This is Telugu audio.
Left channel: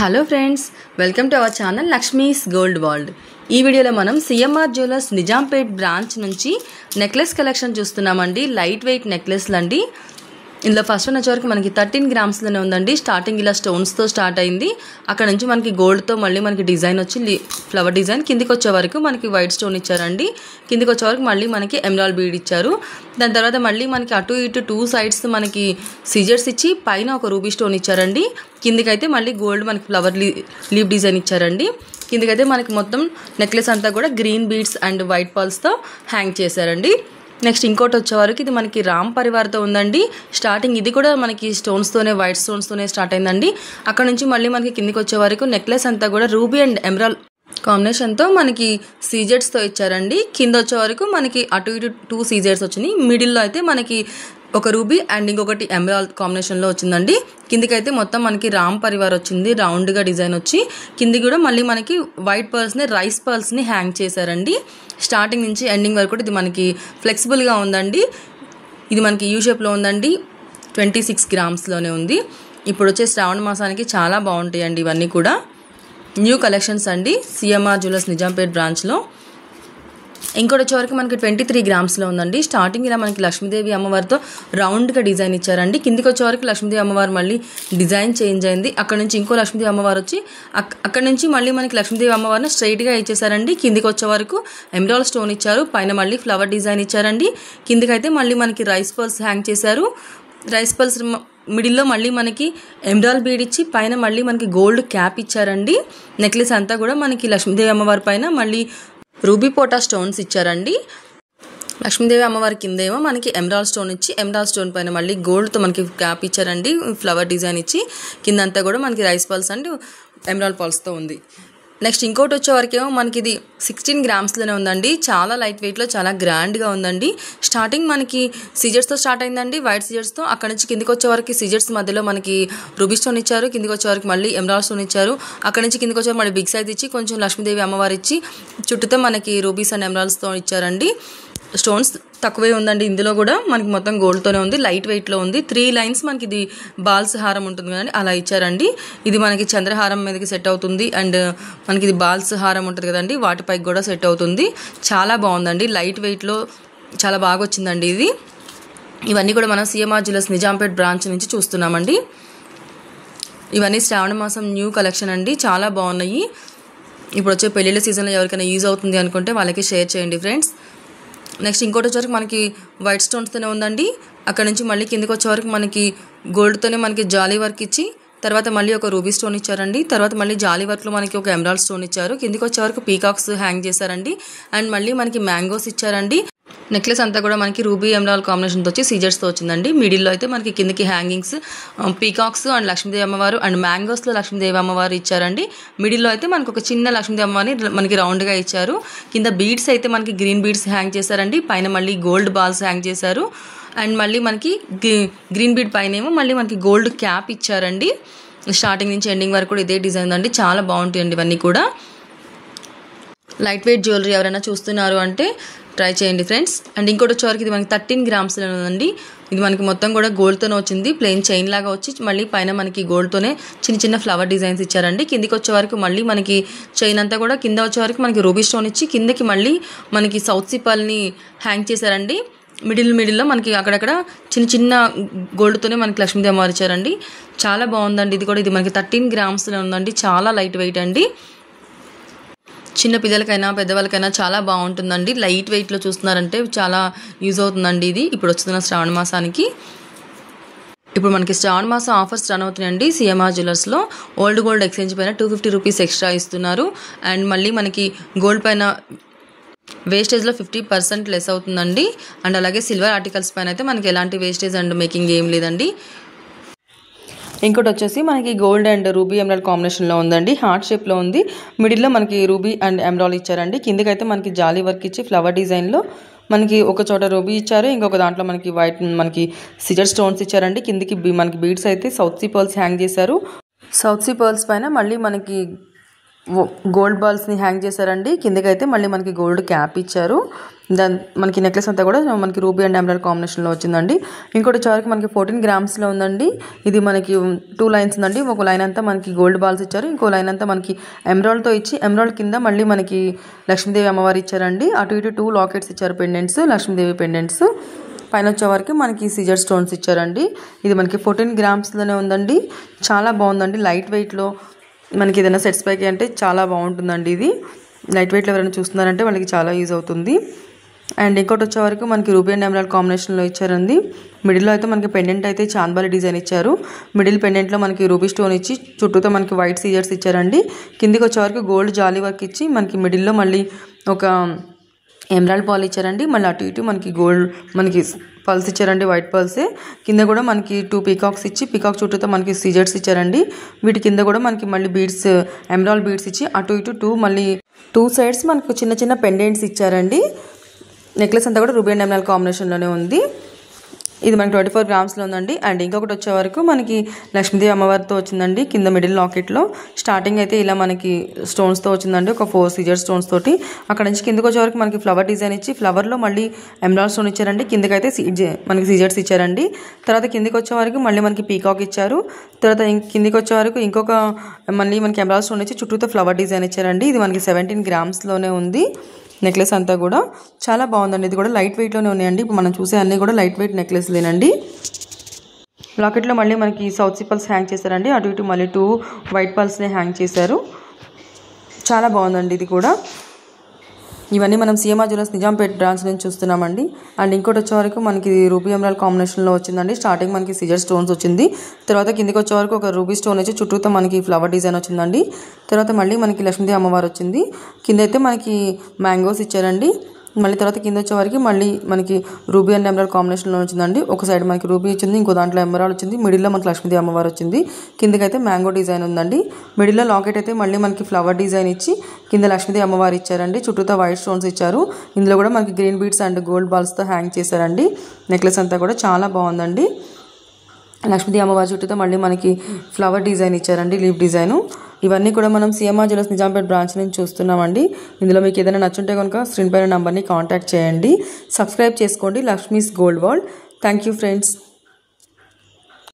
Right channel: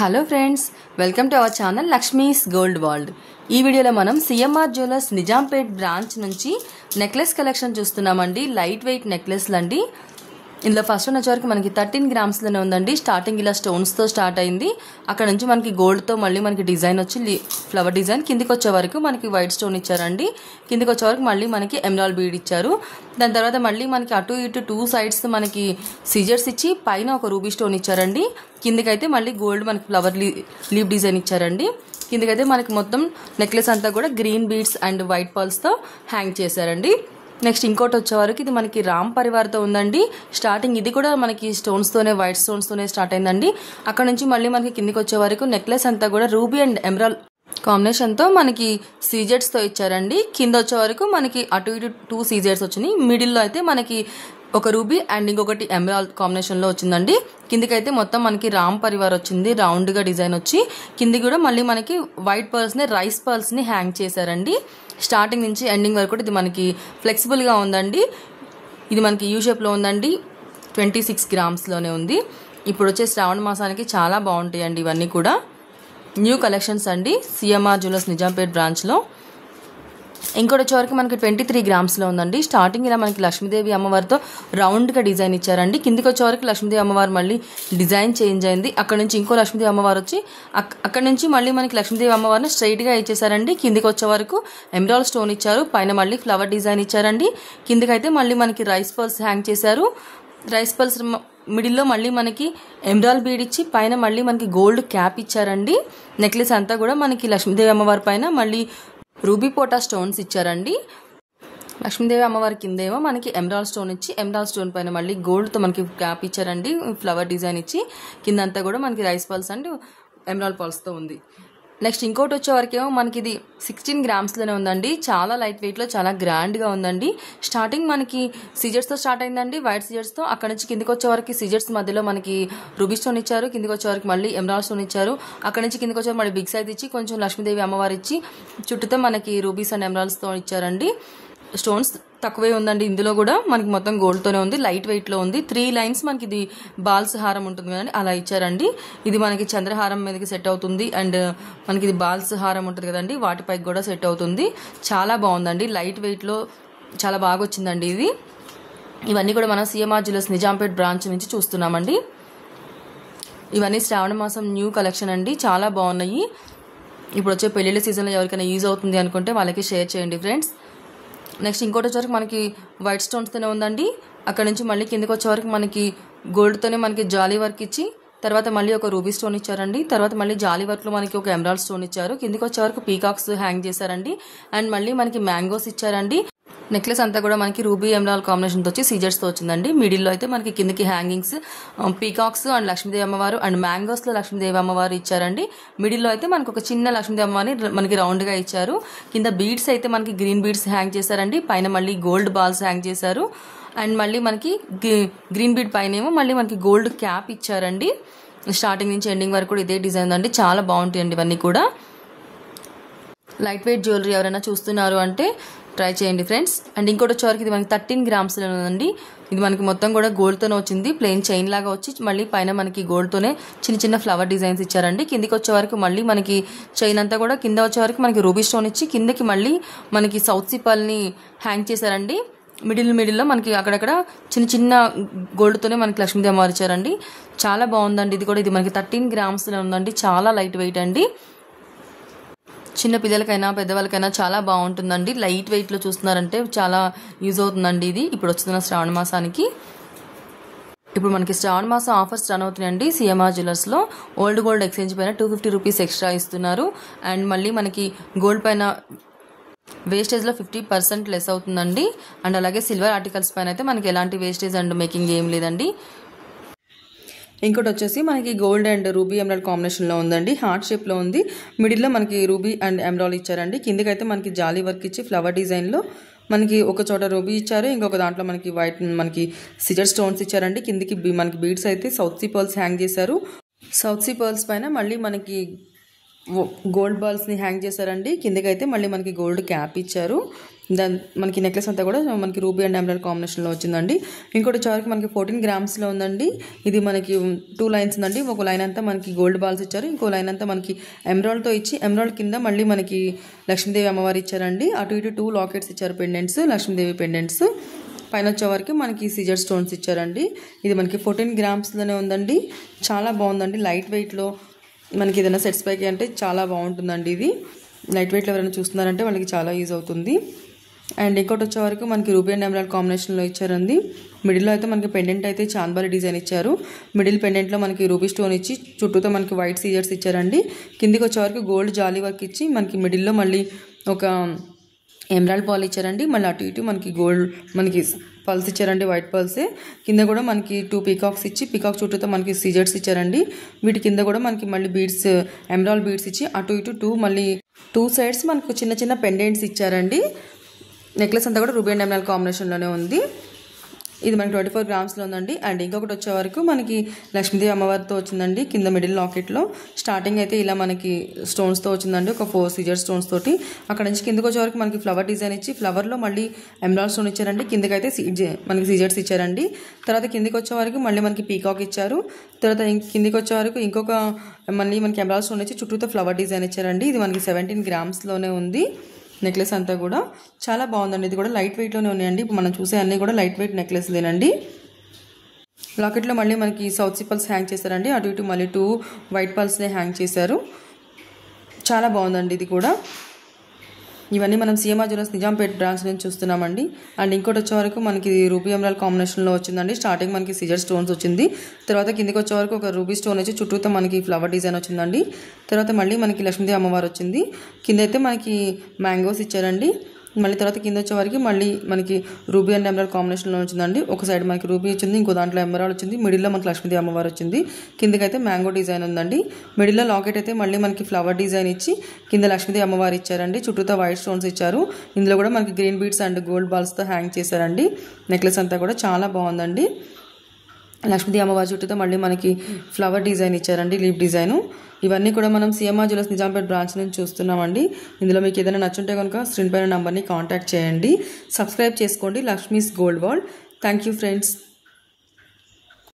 Hello friends, welcome to our channel Lakshmi's gold world. ఈ వీడియోలో మనం సిఎంఆర్ జ్యువెలర్స్ నిజాంపేట్ బ్రాంచ్ నుంచి నెక్లెస్ కలెక్షన్ చూస్తున్నామండి. లైట్ వెయిట్ నెక్లెస్లు అండి. ఇందులో ఫస్ట్ వన్ వచ్చేవరకు మనకి 13 గ్రామ్స్లోనే ఉందండి. స్టార్టింగ్ ఇలా స్టోన్స్తో స్టార్ట్ అయింది. అక్కడ నుంచి మనకి గోల్డ్తో మళ్ళీ మనకి డిజైన్ వచ్చి ఫ్లవర్ డిజైన్. కిందికి వచ్చే వరకు మనకి వైట్ స్టోన్ ఇచ్చారండి. కిందికి వచ్చే వరకు మళ్ళీ మనకి ఎమరాల్డ్ బీడ్ ఇచ్చారు. దాని తర్వాత మళ్ళీ మనకి అటు ఇటు 2 సైడ్స్ మనకి సీజర్స్ ఇచ్చి పైన ఒక రూబీ స్టోన్ ఇచ్చారండి. కిందికైతే మళ్ళీ గోల్డ్ మనకి ఫ్లవర్ లీవ్ డిజైన్ ఇచ్చారండి. కిందికైతే మనకి మొత్తం నెక్లెస్ అంతా కూడా గ్రీన్ బీడ్స్ అండ్ వైట్ పర్ల్స్తో హ్యాంగ్ చేశారండి. నెక్స్ట్ ఇంకోటి వచ్చే వరకు ఇది మనకి రామ్ పరివార్తో ఉందండి. స్టార్టింగ్ ఇది కూడా మనకి స్టోన్స్తోనే వైట్ స్టోన్స్తోనే స్టార్ట్ అయిందండి. అక్కడ నుంచి మళ్ళీ మనకి కిందికి వచ్చే వరకు నెక్లెస్ అంతా కూడా రూబీ అండ్ ఎమరాల్డ్ కాంబినేషన్తో మనకి సీజెడ్స్తో ఇచ్చారండి. కింద వచ్చే వరకు మనకి అటు ఇటు 2 సీజెడ్స్ వచ్చినాయి. మిడిల్లో అయితే మనకి ఒక రూబీ అండ్ ఇంకొకటి ఎమరాల్డ్ కాంబినేషన్లో వచ్చిందండి. కిందికైతే మొత్తం మనకి రామ్ పరివార్ వచ్చింది, రౌండ్గా డిజైన్ వచ్చి. కింది కూడా మళ్ళీ మనకి వైట్ పర్ల్స్ని రైస్ పర్ల్స్ని హ్యాంగ్ చేశారండి. స్టార్టింగ్ నుంచి ఎండింగ్ వరకు కూడా ఇది మనకి ఫ్లెక్సిబుల్గా ఉందండి. ఇది మనకి యూ షేప్లో ఉందండి. 26 గ్రామ్స్లోనే ఉంది. ఇప్పుడు వచ్చే శ్రావణ మాసానికి చాలా బాగుంటాయండి ఇవన్నీ కూడా. న్యూ కలెక్షన్స్ అండి సిఎంఆర్ జ్యువెలర్స్ నిజాంపేట్ బ్రాంచ్లో. ఇంకోటి వచ్చే వరకు మనకి 23 గ్రామ్స్లో ఉందండి. స్టార్టింగ్ ఇలా మనకి లక్ష్మీదేవి అమ్మవారితో రౌండ్గా డిజైన్ ఇచ్చారండి. కిందికి వచ్చే వరకు లక్ష్మీదేవి అమ్మవారు మళ్ళీ డిజైన్ చేంజ్ అయింది. అక్కడ నుంచి ఇంకో లక్ష్మీదేవి అమ్మవారు వచ్చి అక్కడ నుంచి మళ్ళీ మనకి లక్ష్మీదేవి అమ్మవారిని స్ట్రైట్గా ఇచ్చేసారండి. కిందికి వచ్చే వరకు ఎమరాల్డ్ స్టోన్ ఇచ్చారు. పైన మళ్ళీ ఫ్లవర్ డిజైన్ ఇచ్చారండి. కిందికైతే మళ్ళీ మనకి రైస్ పర్ల్స్ హ్యాంగ్ చేశారు. రైస్ పర్ల్స్ మిడిల్లో మళ్ళీ మనకి ఎమరాల్డ్ బీడ్ ఇచ్చి పైన మళ్ళీ మనకి గోల్డ్ క్యాప్ ఇచ్చారండి. నెక్లెస్ అంతా కూడా మనకి లక్ష్మీదేవి అమ్మవారి పైన మళ్ళీ రూబీ పోటా స్టోన్స్ ఇచ్చారండి. లక్ష్మీదేవి అమ్మవారి కిందేమో మనకి ఎమరాల్డ్ స్టోన్ ఇచ్చి ఎమరాల్డ్ స్టోన్ పైన మళ్ళీ గోల్డ్తో మనకి క్యాప్ ఇచ్చారండి. ఫ్లవర్ డిజైన్ ఇచ్చి కిందంతా కూడా మనకి రైస్ పర్ల్స్ అండ్ ఎమరాల్డ్ పర్ల్స్తో ఉంది. నెక్స్ట్ ఇంకోటి వచ్చే వరకేమో మనకి ఇది 16 గ్రామ్స్లోనే ఉందండి. చాలా లైట్ వెయిట్లో చాలా గ్రాండ్గా ఉందండి. స్టార్టింగ్ మనకి సీజర్స్తో స్టార్ట్ అయిందండి, వైట్ సీజర్స్తో. అక్కడ నుంచి కిందికి వచ్చే వరకు సీజర్స్ మధ్యలో మనకి రూబీ స్టోన్ ఇచ్చారు. కిందికి వచ్చే వరకు మళ్ళీ ఎమరాల్డ్ స్టోన్ ఇచ్చారు. అక్కడ నుంచి కిందికి వచ్చే మళ్ళీ బిగ్ సైజ్ ఇచ్చి కొంచెం లక్ష్మీదేవి అమ్మవారు ఇచ్చి చుట్టూతో మనకి రూబీస్ అండ్ ఎమరాల్డ్స్తో ఇచ్చారండి. స్టోన్స్ తక్కువే ఉందండి. ఇందులో కూడా మనకి మొత్తం గోల్డ్తోనే ఉంది. లైట్ వెయిట్లో ఉంది. 3 లైన్స్ మనకి ఇది బాల్స్ హారం ఉంటుంది కదండి, అలా ఇచ్చారండి. ఇది మనకి చంద్రహారం మీదకి సెట్ అవుతుంది. అండ్ మనకి ఇది బాల్స్ హారం ఉంటుంది కదండి, వాటిపైకి కూడా సెట్ అవుతుంది. చాలా బాగుందండి. లైట్ వెయిట్లో చాలా బాగా వచ్చిందండి ఇది. ఇవన్నీ కూడా మనం సిఎంఆర్ జ్యువెలర్స్ నిజాంపేట్ బ్రాంచ్ నుంచి చూస్తున్నామండి. ఇవన్నీ శ్రావణ మాసం న్యూ కలెక్షన్ అండి. చాలా బాగున్నాయి. ఇప్పుడు వచ్చే పెళ్ళిళ్ళ సీజన్లో ఎవరికైనా యూజ్ అవుతుంది అనుకుంటే వాళ్ళకి షేర్ చేయండి ఫ్రెండ్స్. నెక్స్ట్ ఇంకోటి వచ్చేవరకు మనకి వైట్ స్టోన్స్తోనే ఉందండి. అక్కడ నుంచి మళ్ళీ కిందకి వచ్చే వరకు మనకి గోల్డ్తోనే మనకి జాలీ వర్క్ ఇచ్చి తర్వాత మళ్ళీ ఒక రూబీ స్టోన్ ఇచ్చారండి. తర్వాత మళ్ళీ జాలీ వర్క్లో మనకి ఒక ఎమరాల్డ్ స్టోన్ ఇచ్చారు. కిందికి వచ్చే వరకు పీకాక్స్ హ్యాంగ్ చేశారండి. అండ్ మళ్ళీ మనకి మ్యాంగోస్ ఇచ్చారండి. నెక్లెస్ అంతా కూడా మనకి రూబీ ఎమరాల్డ్ కాంబినేషన్తో వచ్చి సీజర్స్తో వచ్చిందండి. మిడిల్లో అయితే మనకి కిందకి హ్యాంగింగ్స్ పీకాక్స్ అండ్ లక్ష్మీదేవి అమ్మవారు అండ్ మ్యాంగోస్లో లక్ష్మీదేవి అమ్మవారు ఇచ్చారండి. మిడిల్లో అయితే మనకు ఒక చిన్న లక్ష్మీదేవి అమ్మవారిని మనకి రౌండ్గా ఇచ్చారు. కింద బీడ్స్ అయితే మనకి గ్రీన్ బీడ్స్ హ్యాంగ్ చేశారండి. పైన మళ్ళీ గోల్డ్ బాల్స్ హ్యాంగ్ చేశారు. అండ్ మళ్ళీ మనకి గ్రీన్ బీడ్ పైన ఏమో మళ్ళీ మనకి గోల్డ్ క్యాప్ ఇచ్చారండి. స్టార్టింగ్ నుంచి ఎండింగ్ వరకు కూడా ఇదే డిజైన్ అండి. చాలా బాగుంటాయండి ఇవన్నీ కూడా. లైట్ వెయిట్ జ్యువెలరీ ఎవరైనా చూస్తున్నారు అంటే ట్రై చేయండి ఫ్రెండ్స్. అండ్ ఇంకోటి వచ్చేవరకు ఇది మనకి 13 గ్రామ్స్లో ఉందండి. ఇది మనకి మొత్తం కూడా గోల్డ్తోనే వచ్చింది. ప్లెయిన్ చైన్ లాగా వచ్చి మళ్ళీ పైన మనకి గోల్డ్తోనే చిన్న చిన్న ఫ్లవర్ డిజైన్స్ ఇచ్చారండి. కిందికి వచ్చే వరకు మళ్ళీ మనకి చైన్ అంతా కూడా కింద వచ్చే వరకు మనకి రూబీ స్టోన్ ఇచ్చి కిందకి మళ్ళీ మనకి సౌత్ సిపల్ని హ్యాంగ్ చేశారండి. మిడిల్లో మనకి అక్కడక్కడ చిన్న చిన్న గోల్డ్తోనే మనకి లక్ష్మీదేవి అమ్మవారు ఇచ్చారండి. చాలా బాగుందండి. ఇది కూడా ఇది మనకి 13 గ్రామ్స్లో ఉందండి. చాలా లైట్ వెయిట్ అండి. చిన్న పిల్లలకైనా పెద్దవాళ్ళకైనా చాలా బాగుంటుందండి. లైట్ వెయిట్లో చూస్తున్నారంటే చాలా యూజ్ అవుతుందండి ఇది ఇప్పుడు వస్తున్న శ్రావణ మాసానికి. ఇప్పుడు మనకి శ్రావణ మాసం ఆఫర్స్ రన్ అవుతున్నాయండి సిఎంఆర్ జ్యువెలర్స్లో. ఓల్డ్ గోల్డ్ ఎక్స్చేంజ్ పైన 250 రూపీస్ ఎక్స్ట్రా ఇస్తున్నారు. అండ్ మళ్ళీ మనకి గోల్డ్ పైన వేస్టేజ్లో 50% లెస్ అవుతుందండి. అండ్ అలాగే సిల్వర్ ఆర్టికల్స్ పైన అయితే మనకి ఎలాంటి వేస్టేజ్ అండ్ మేకింగ్ ఏం లేదండి. ఇంకోటి వచ్చేసి మనకి గోల్డ్ అండ్ రూబీ ఎమరాల్డ్ కాంబినేషన్లో ఉందండి. హార్ట్ షేప్లో ఉంది. మిడిల్లో మనకి రూబీ అండ్ ఎమరాల్డ్ ఇచ్చారండి. కిందకైతే మనకి జాలీ వర్క్ ఇచ్చి ఫ్లవర్ డిజైన్లో మనకి ఒక చోట రూబీ ఇచ్చారు. ఇంకొక దాంట్లో మనకి వైట్ మనకి సిజర్ స్టోన్స్ ఇచ్చారండి. కిందికి మనకి బీడ్స్ అయితే సౌత్ సీ పర్ల్స్ హ్యాంగ్ చేశారు. సౌత్ సీ పర్ల్స్ పైన మళ్ళీ మనకి గోల్డ్ బాల్స్ని హ్యాంగ్ చేశారండి. కిందకైతే మళ్ళీ మనకి గోల్డ్ క్యాప్ ఇచ్చారు. దాని మనకి నెక్లెస్ అంతా కూడా మనకి రూబీ అండ్ ఎమరాల్డ్ కాంబినేషన్లో వచ్చిందండి. ఇంకోటి వచ్చేవరకు మనకి 14 గ్రామ్స్లో ఉందండి. ఇది మనకి 2 లైన్స్ ఉందండి. ఒక లైన్ అంతా మనకి గోల్డ్ బాల్స్ ఇచ్చారు, ఇంకో లైన్ అంతా మనకి ఎమరాల్డ్తో ఇచ్చి ఎమరాల్డ్ కింద మళ్ళీ మనకి లక్ష్మీదేవి అమ్మవారు ఇచ్చారండి. అటు ఇటు 2 లాకెట్స్ ఇచ్చారు, పెండెంట్స్, లక్ష్మీదేవి పెండెంట్స్. పైన వచ్చేవరకు మనకి సిజర్ స్టోన్స్ ఇచ్చారండి. ఇది మనకి 14 గ్రామ్స్లోనే ఉందండి. చాలా బాగుందండి. లైట్ వెయిట్లో మనకి ఏదైనా సెట్స్ పైకి అంటే చాలా బాగుంటుందండి. ఇది లైట్ వెయిట్లో ఎవరైనా చూస్తున్నారంటే వాళ్ళకి చాలా యూజ్ అవుతుంది. అండ్ ఇంకోటి వచ్చేవరకు మనకి రూబీ అండ్ ఎమరాల్డ్ కాంబినేషన్లో ఇచ్చారండి. మిడిల్లో అయితే మనకి పెండెంట్ అయితే చాంబాలి డిజైన్ ఇచ్చారు. మిడిల్ పెండెంట్లో మనకి రూబీ స్టోన్ ఇచ్చి చుట్టూతో మనకి వైట్ సీజర్స్ ఇచ్చారండి. కిందికి వచ్చేవరకు గోల్డ్ జాలీ వర్క్ ఇచ్చి మనకి మిడిల్లో మళ్ళీ ఒక ఎమరాల్డ్ పాల్ ఇచ్చారండి. మళ్ళీ అటు ఇటు మనకి గోల్డ్ మనకి పల్స్ ఇచ్చారండి, వైట్ పల్సే. కింద కూడా మనకి 2 పీకాక్స్ ఇచ్చి పీకాక్ చుట్టూతో మనకి సీజర్స్ ఇచ్చారండి. వీటి కింద కూడా మనకి మళ్ళీ బీడ్స్, ఎమరాల్డ్ బీడ్స్ ఇచ్చి అటు ఇటు మళ్ళీ 2 సైడ్స్ మనకి చిన్న చిన్న పెండెంట్స్ ఇచ్చారండి. నెక్లెస్ అంతా కూడా రూబీ అండ్ ఎమరాల్డ్ కాంబినేషన్లోనే ఉంది. ఇది మనకి 24 గ్రామ్స్లో ఉందండి. అండ్ ఇంకొకటి వచ్చే వరకు మనకి లక్ష్మీదేవి అమ్మవారితో వచ్చిందండి. కింద మిడిల్ లాకెట్లో స్టార్టింగ్ అయితే ఇలా మనకి స్టోన్స్తో వచ్చిందండి, ఒక 4 సీజర్ స్టోన్స్ తోటి. అక్కడ నుంచి కిందకి వచ్చే వరకు మనకి ఫ్లవర్ డిజైన్ ఇచ్చి ఫ్లవర్లో మళ్ళీ ఎమరాల్డ్ స్టోన్ ఇచ్చారండి. కిందకైతే మనకి సీజర్స్ ఇచ్చారండి. తర్వాత కిందకి వచ్చే వరకు మళ్ళీ మనకి పీకాక్ ఇచ్చారు. తర్వాత కిందకి వచ్చే వరకు ఇంకొక మళ్ళీ మనకి ఎమరాల్డ్ స్టోన్ ఇచ్చి చుట్టూతో ఫ్లవర్ డిజైన్ ఇచ్చారండి. ఇది మనకి 17 గ్రామ్స్లోనే ఉంది. నెక్లెస్ అంతా కూడా చాలా బాగుందండి. ఇది కూడా లైట్ వెయిట్లోనే ఉన్నాయండి. ఇప్పుడు మనం చూసే అన్నీ కూడా లైట్ వెయిట్ నెక్లెస్లేనండి. లాకెట్లో మళ్ళీ మనకి సౌత్ సీ పల్స్ హ్యాంగ్ చేశారండి. అటు ఇటు మళ్ళీ 2 వైట్ పల్స్ని హ్యాంగ్ చేశారు. చాలా బాగుందండి ఇది కూడా. ఇవన్నీ మనం సిఎంఆర్ జ్యువెలర్స్ నిజాంపేట్ బ్రాంచ్ నుంచి చూస్తున్నామండి. అండ్ ఇంకోటి వచ్చే వరకు మనకి రూబీ ఎమరాల్డ్ కాంబినేషన్లో వచ్చిందండి. స్టార్టింగ్ మనకి సిజర్ స్టోన్స్ వచ్చింది. తర్వాత కిందకి వచ్చే వరకు ఒక రూబీ స్టోన్ వచ్చి చుట్టూతో మనకి ఫ్లవర్ డిజైన్ వచ్చిందండి. తర్వాత మళ్ళీ మనకి లక్ష్మీదేవి అమ్మవారు వచ్చింది. కింద అయితే మనకి మ్యాంగోస్ ఇచ్చారండి. మళ్ళీ తర్వాత కింద వచ్చే వరకు మళ్ళీ మనకి రూబీ అండ్ ఎమరాల్డ్ కాంబినేషన్లో వచ్చిందండి. ఒక సైడ్ మనకి రూబీ వచ్చింది, ఇంకో దాంట్లో ఎమరాల్డ్ వచ్చింది. మిడిల్లో మనకి లక్ష్మీదేవి అమ్మవారు వచ్చింది. కిందకైతే మ్యాంగో డిజైన్ ఉందండి. మిడిల్లో లాకెట్ అయితే మళ్ళీ మనకి ఫ్లవర్ డిజైన్ ఇచ్చి కింద లక్ష్మీదేవి అమ్మవారు ఇచ్చారండి. చుట్టూతో వైట్ స్టోన్స్ ఇచ్చారు. ఇందులో కూడా మనకి గ్రీన్ బీడ్స్ అండ్ గోల్డ్ బాల్స్తో హ్యాంగ్ చేశారండి. నెక్లెస్ అంతా కూడా చాలా బాగుందండి. లక్ష్మీదేవి అమ్మవారి చుట్టూతో మళ్ళీ మనకి ఫ్లవర్ డిజైన్ ఇచ్చారండి, లీఫ్ డిజైను. ఇవన్నీ కూడా మనం సిఎంఆర్ జ్యువెలర్స్ నిజాంపేట్ బ్రాంచ్ నుంచి చూస్తున్నామండి. ఇందులో మీకు ఏదైనా నచ్చుంటే కనుక స్క్రీన్ పైన నంబర్ని కాంటాక్ట్ చేయండి. సబ్స్క్రైబ్ చేసుకోండి Lakshmi's gold world. Thank you friends.